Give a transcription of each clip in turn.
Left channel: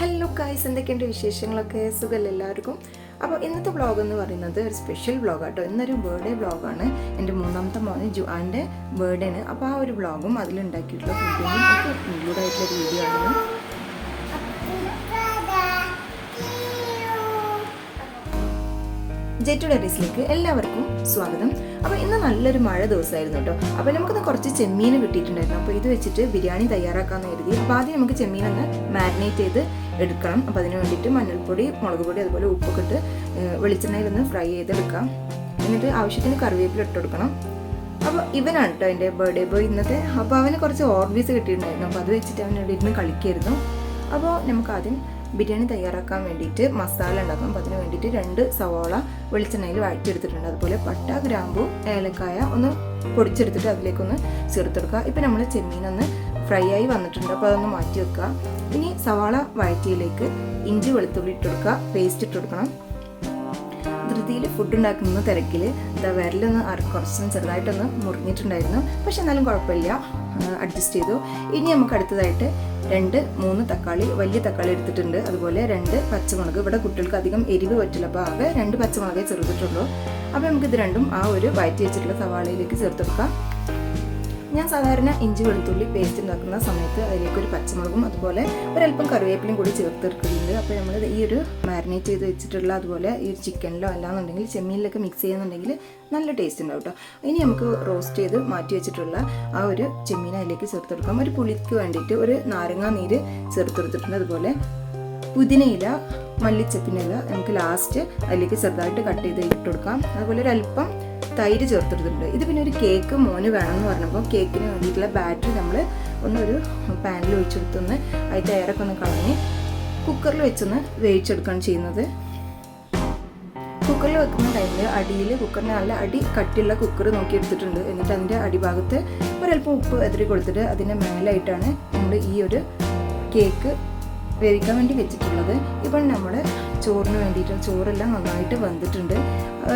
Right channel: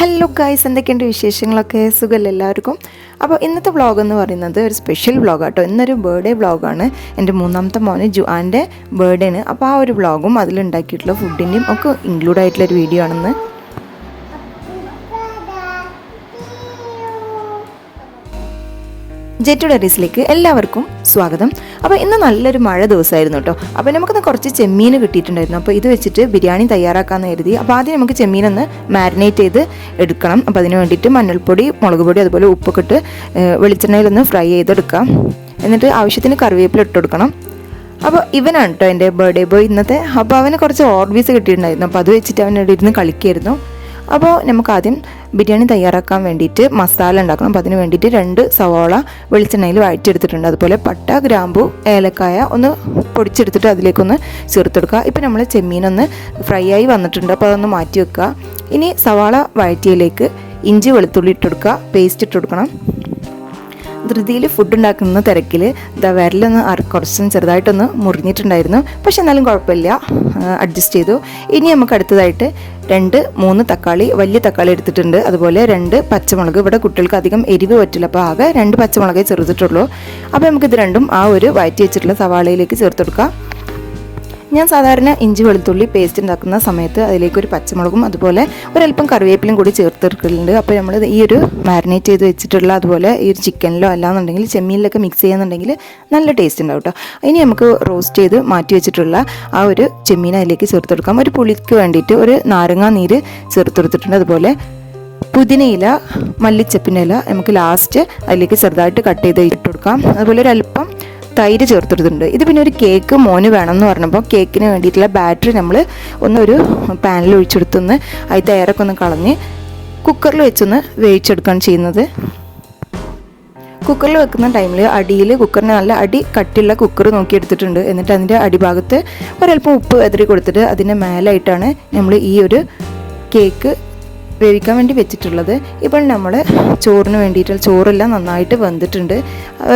Hello guys എന്തൊക്കെയുണ്ട് വിശേഷങ്ങളൊക്കെ? സുഖമല്ല എല്ലാവർക്കും? അപ്പോൾ ഇന്നത്തെ വ്ളോഗ് എന്ന് പറയുന്നത് ഒരു സ്പെഷ്യൽ വ്ളോഗ് കേട്ടോ ഇന്നൊരു ബർത്ത്ഡേ വ്ളോഗാണ് എന്റെ മൂന്നാമത്തെ മോന് ജുആന്റെ ബർത്ത്ഡേ ആണ്. അപ്പോൾ ആ ഒരു വ്ളോഗും അതിലുണ്ടാക്കിയിട്ടുള്ള ഫുഡിന്റെയും ഒക്കെ ഇൻക്ലൂഡ് ആയിട്ടുള്ള ഒരു വീഡിയോ ആണെന്ന് ജെറ്റു ഡെറീസിലേക്ക് എല്ലാവർക്കും സ്വാഗതം. അപ്പോൾ ഇന്ന് നല്ലൊരു മഴ ദിവസമായിരുന്നു കേട്ടോ. അപ്പോൾ നമുക്കൊന്ന് കുറച്ച് ചെമ്മീൻ കിട്ടിയിട്ടുണ്ടായിരുന്നു. അപ്പോൾ ഇത് വെച്ചിട്ട് ബിരിയാണി തയ്യാറാക്കാമെന്ന് കരുതി. അപ്പോൾ ആദ്യം നമുക്ക് ചെമ്മീനൊന്ന് മാരിനേറ്റ് ചെയ്ത് എടുക്കണം. അപ്പോൾ അതിന് വേണ്ടിയിട്ട് മഞ്ഞൾപ്പൊടി മുളക് പൊടി അതുപോലെ ഉപ്പൊക്കെ ഇട്ട് വെളിച്ചെണ്ണയിലൊന്ന് ഫ്രൈ ചെയ്തെടുക്കാം. എന്നിട്ട് ആവശ്യത്തിന് കറിവേപ്പില ഇട്ട് കൊടുക്കണം. അപ്പോൾ ഇവനാണ് കേട്ടോ എന്റെ ബർത്ത്ഡേ ബോയ് ഇന്നത്തെ. അപ്പോൾ അവന് കുറച്ച് ഓർബീസ് കിട്ടിയിട്ടുണ്ടായിരുന്നു. അപ്പോൾ അത് വെച്ചിട്ട് അവൻ ഇവിടെ ഇരുന്ന് കളിക്കായിരുന്നു അപ്പോൾ നമുക്ക് ആദ്യം ബിരിയാണി തയ്യാറാക്കാൻ വേണ്ടിയിട്ട് മസാല ഉണ്ടാക്കണം. അപ്പോൾ അതിന് വേണ്ടിയിട്ട് രണ്ട് സവാള വെളിച്ചെണ്ണയിൽ വഴറ്റിയെടുത്തിട്ടുണ്ട്. അതുപോലെ പട്ട ഗ്രാമ്പു ഏലക്കായ ഒന്ന് പൊടിച്ചെടുത്തിട്ട് അതിലേക്കൊന്ന് ചേർത്തെടുക്കുക. ഇപ്പോൾ നമ്മൾ ചെമ്മീനൊന്ന് ഫ്രൈ ആയി വന്നിട്ടുണ്ട്. അപ്പോൾ അതൊന്ന് മാറ്റി വെക്കുക. ഇനി സവാള വഴറ്റിയിലേക്ക് ഇഞ്ചി വെളുത്തുള്ളി ഇട്ടെടുക്കുക പേസ്റ്റ് ഇട്ടെടുക്കണം ധൃതിയിൽ ഫുഡ് ഉണ്ടാക്കുന്ന തിരക്കിൽ ഇതാ വിരലൊന്ന് കുറച്ചും ചെറുതായിട്ടൊന്ന് മുറിഞ്ഞിട്ടുണ്ടായിരുന്നു. പക്ഷെ എന്നാലും കുഴപ്പമില്ല. അഡ്ജസ്റ്റ് ചെയ്തു. ഇനി നമുക്ക് അടുത്തതായിട്ട് രണ്ട് മൂന്ന് തക്കാളി വലിയ തക്കാളി എടുത്തിട്ടുണ്ട്. അതുപോലെ രണ്ട് പച്ചമുളക്. ഇവിടെ കുട്ടികൾക്ക് അധികം എരിവ് പറ്റില്ല. അപ്പോൾ ആകെ രണ്ട് പച്ചമുളകേ ചെറുതിട്ടുള്ളൂ. അപ്പോൾ നമുക്കിത് രണ്ടും ആ ഒരു വയറ്റി വെച്ചിട്ടുള്ള സവാളയിലേക്ക് ചേർത്ത് കൊടുക്കാം. ഞാൻ സാധാരണ ഇഞ്ചി വെളുത്തുള്ളി പേസ്റ്റ് ഉണ്ടാക്കുന്ന സമയത്ത് അതിലേക്ക് ഒരു പച്ചമുളകും അതുപോലെ ഒരല്പം കറിവേപ്പിലും കൂടി ചേർത്തെടുക്കലുണ്ട് അപ്പോൾ നമ്മൾ ഈ ഒരു മാരിനേറ്റ് ചെയ്ത് വെച്ചിട്ടുള്ള അതുപോലെ ഈ ഒരു ചിക്കനിലോ അല്ലാന്നുണ്ടെങ്കിൽ ചെമ്മീനിലൊക്കെ മിക്സ് ചെയ്യുന്നുണ്ടെങ്കിൽ നല്ല ടേസ്റ്റ് ഉണ്ടാവും കേട്ടോ ഇനി നമുക്ക് റോസ്റ്റ് ചെയ്ത് മാറ്റി വെച്ചിട്ടുള്ള ആ ഒരു ചെമ്മീൻ അതിലേക്ക് ചേർത്തെടുക്കാം ഒരു പുളിക്ക് വേണ്ടിയിട്ട് ഒരു നാരങ്ങാ നീര് ചേർത്തെടുത്തിട്ടുണ്ട് അതുപോലെ പുതിനയില മല്ലിച്ചപ്പിന്റെ ഇല നമുക്ക് ലാസ്റ്റ് അതിലേക്ക് ചെറുതായിട്ട് കട്ട് ചെയ്ത് ഇട്ട് കൊടുക്കാം. അതുപോലെ ഒരു അല്പം തൈര് ചേർത്തെടുത്തിട്ടുണ്ട് ഇത് പിന്നെ ഒരു കേക്ക് മോന് വേണം എന്ന് പറഞ്ഞപ്പോൾ കേക്കിന് വേണ്ടിയിട്ടുള്ള ബാറ്ററി നമ്മൾ ഒന്നൊരു പാനിൽ ഒഴിച്ചെടുത്തൊന്ന് അതിന്റെ തയ്യാറൊക്കെ ഒന്ന് കളഞ്ഞ് കുക്കറിൽ വെച്ചൊന്ന് വേവിച്ചെടുക്കുകയാണ് ചെയ്യുന്നത്. കുക്കറിൽ വെക്കുന്ന ടൈമിൽ അടിയിൽ കുക്കറിന് നല്ല അടി കട്ടിയുള്ള കുക്കർ നോക്കി എടുത്തിട്ടുണ്ട് എന്നിട്ട് അതിന്റെ അടിഭാഗത്ത് ഒരൽപ്പം ഉപ്പ് എതിരി കൊടുത്തിട്ട് അതിന്റെ മേലായിട്ടാണ് നമ്മൾ ഈ ഒരു കേക്ക് വേവിക്കാൻ വേണ്ടി വെച്ചിട്ടുള്ളത്. ഇപ്പോൾ നമ്മൾ ചോറിന് വേണ്ടിയിട്ട് ചോറെല്ലാം നന്നായിട്ട് വെന്തിട്ടുണ്ട്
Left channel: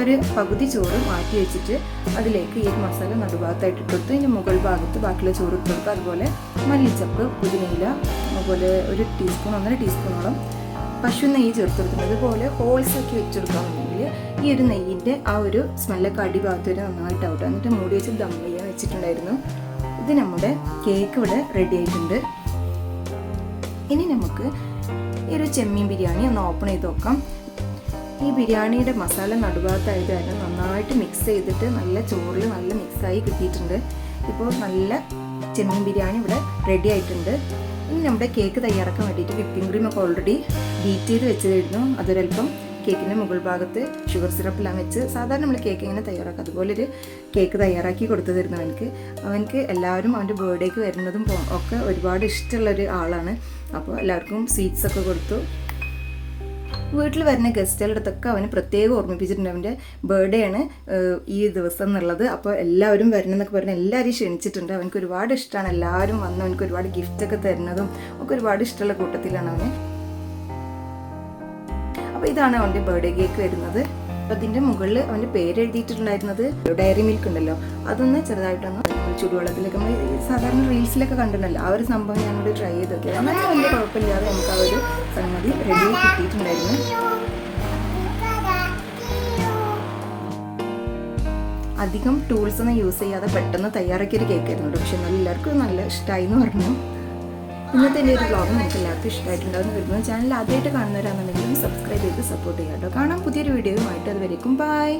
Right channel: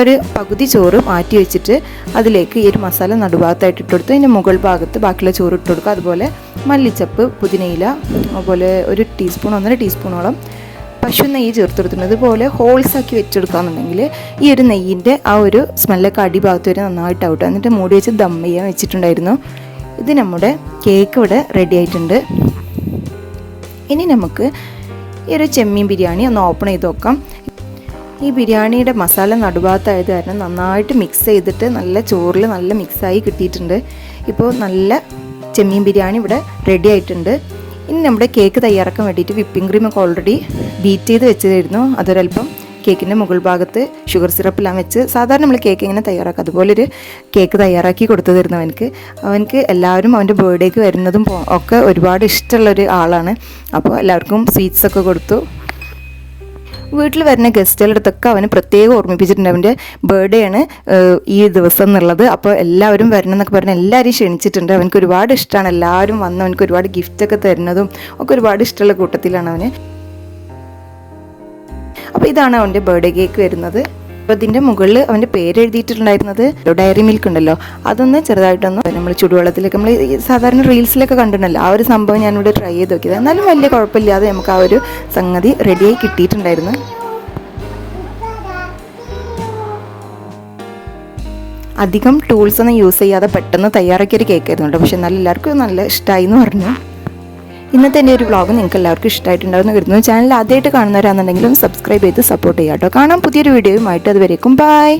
ഒരു പകുതി ചോറ് മാറ്റി വെച്ചിട്ട് അതിലേക്ക് ഈ ഒരു മസാല നടുഭാഗത്തായിട്ട് ഇട്ട് കൊടുത്ത് അതിന്റെ മുകൾ ഭാഗത്ത് ബാക്കിയുള്ള ചോറ് ഇട്ട് കൊടുക്കുക. അതുപോലെ മല്ലിച്ചപ്പ് പുതിനയില അതുപോലെ ഒരു ടീസ്പൂൺ ഒന്നര ടീസ്പൂണോളം പശു നെയ്യ് ചേർത്ത് കൊടുത്തിട്ടുണ്ട്. അതുപോലെ ഹോൾസ് ആക്കി വെച്ചെടുക്കുകയാണെന്നുണ്ടെങ്കിൽ ഈ ഒരു നെയ്യിന്റെ ആ ഒരു സ്മെല്ലൊക്കെ അടിഭാഗത്ത് വരെ നന്നായിട്ട് ഔട്ട് എന്നിട്ട് മൂടി വെച്ച് ദം ചെയ്യാൻ വെച്ചിട്ടുണ്ടായിരുന്നു. ഇത് നമ്മുടെ കേക്ക് ഇവിടെ റെഡി ആയിട്ടുണ്ട്. ഇനി നമുക്ക് ഈ ഒരു ചെമ്മീൻ ബിരിയാണി ഒന്ന് ഓപ്പൺ ചെയ്ത് നോക്കാം. ഈ ബിരിയാണിയുടെ മസാല നടുഭാഗത്തായത് കാരണം നന്നായിട്ട് മിക്സ് ചെയ്തിട്ട് നല്ല ചോറിൽ നല്ല മിക്സായി കിട്ടിയിട്ടുണ്ട്. ഇപ്പോൾ നല്ല ചെമ്മീൻ ബിരിയാണി ഇവിടെ റെഡി ആയിട്ടുണ്ട്. ഇനി നമ്മുടെ കേക്ക് തയ്യാറാക്കാൻ വേണ്ടിയിട്ട് വിപ്പിംഗ് ക്രീം ഒക്കെ ഓൾറെഡി ബീറ്റ് ചെയ്ത് വെച്ചതായിരുന്നു. അതൊരല്പം കേക്കിന്റെ മുകൾ ഭാഗത്ത് ഷുഗർ സിറപ്പെല്ലാം വെച്ച് സാധാരണ നമ്മൾ കേക്ക് ഇങ്ങനെ തയ്യാറാക്കുക അതുപോലൊരു കേക്ക് തയ്യാറാക്കി കൊടുത്തതായിരുന്നു അവനക്ക് അവനക്ക് എല്ലാവരും അവന്റെ ബർത്ത്ഡേക്ക് വരുന്നതും ഒക്കെ ഒരുപാട് ഇഷ്ടമുള്ളൊരു ആളാണ്. അപ്പോൾ എല്ലാവർക്കും സ്വീറ്റ്സൊക്കെ കൊടുത്തു. വീട്ടിൽ വരുന്ന ഗസ്റ്റുകളുടെ അടുത്തൊക്കെ അവന് പ്രത്യേകം ഓർമ്മിപ്പിച്ചിട്ടുണ്ട്. അവന്റെ ബർത്ത്ഡേ ആണ് ഈ ദിവസം എന്നുള്ളത്. അപ്പോൾ എല്ലാവരും വരണം എന്നൊക്കെ പറഞ്ഞ് എല്ലാവരെയും ക്ഷണിച്ചിട്ടുണ്ട്. അവനക്ക് ഒരുപാട് ഇഷ്ടമാണ്. എല്ലാവരും വന്ന് അവനക്ക് ഒരുപാട് ഗിഫ്റ്റൊക്കെ തരുന്നതും ഒക്കെ ഒരുപാട് ഇഷ്ടമുള്ള കൂട്ടത്തിലാണ് അവന്. ഇതാണ് അവന്റെ ബർത്ത്ഡേ കേക്ക് വരുന്നത്. അപ്പോൾ ഇതിന്റെ മുകളിൽ അവന്റെ പേര് എഴുതിയിട്ടുണ്ടായിരുന്നത് ഡയറി മിൽക്ക് ഉണ്ടല്ലോ. അതൊന്ന് ചെറുതായിട്ടൊന്ന് നമ്മൾ ചുടുവെള്ളത്തിലേക്ക് നമ്മൾ സാധാരണ റീൽസിലൊക്കെ കണ്ടിട്ടുണ്ടല്ലോ. ആ ഒരു സംഭവം ഞാനിവിടെ ട്രൈ ചെയ്ത് നോക്കിയത്. എന്നാലും വലിയ കുഴപ്പമില്ലാതെ നമുക്ക് ആ ഒരു സംഗതി റെഡിയായി കിട്ടിയിട്ടുണ്ടായിരുന്നു. അധികം ടൂൾസ് ഒന്നും യൂസ് ചെയ്യാതെ പെട്ടെന്ന് തയ്യാറാക്കിയ ഒരു കേക്ക് ആയിരുന്നു കേട്ടോ. പക്ഷെ എന്നാലും എല്ലാവർക്കും നല്ല ഇഷ്ടമായി എന്ന് പറഞ്ഞു. ഇന്നത്തെ എന്റെ ഒരു വ്ലോഗ് നിങ്ങൾക്ക് എല്ലാവർക്കും ഇഷ്ടമായിട്ടുണ്ടാവുമെന്ന് കരുതുന്നു. ചാനൽ ആദ്യമായിട്ട് കാണുന്നവരാണെന്നുണ്ടെങ്കിലും സബ്സ്ക്രൈബ് ചെയ്ത് സപ്പോർട്ട് ചെയ്യാം കേട്ടോ. കാണാം പുതിയൊരു വീഡിയോയുമായിട്ട് അതുവരേക്കും ബൈ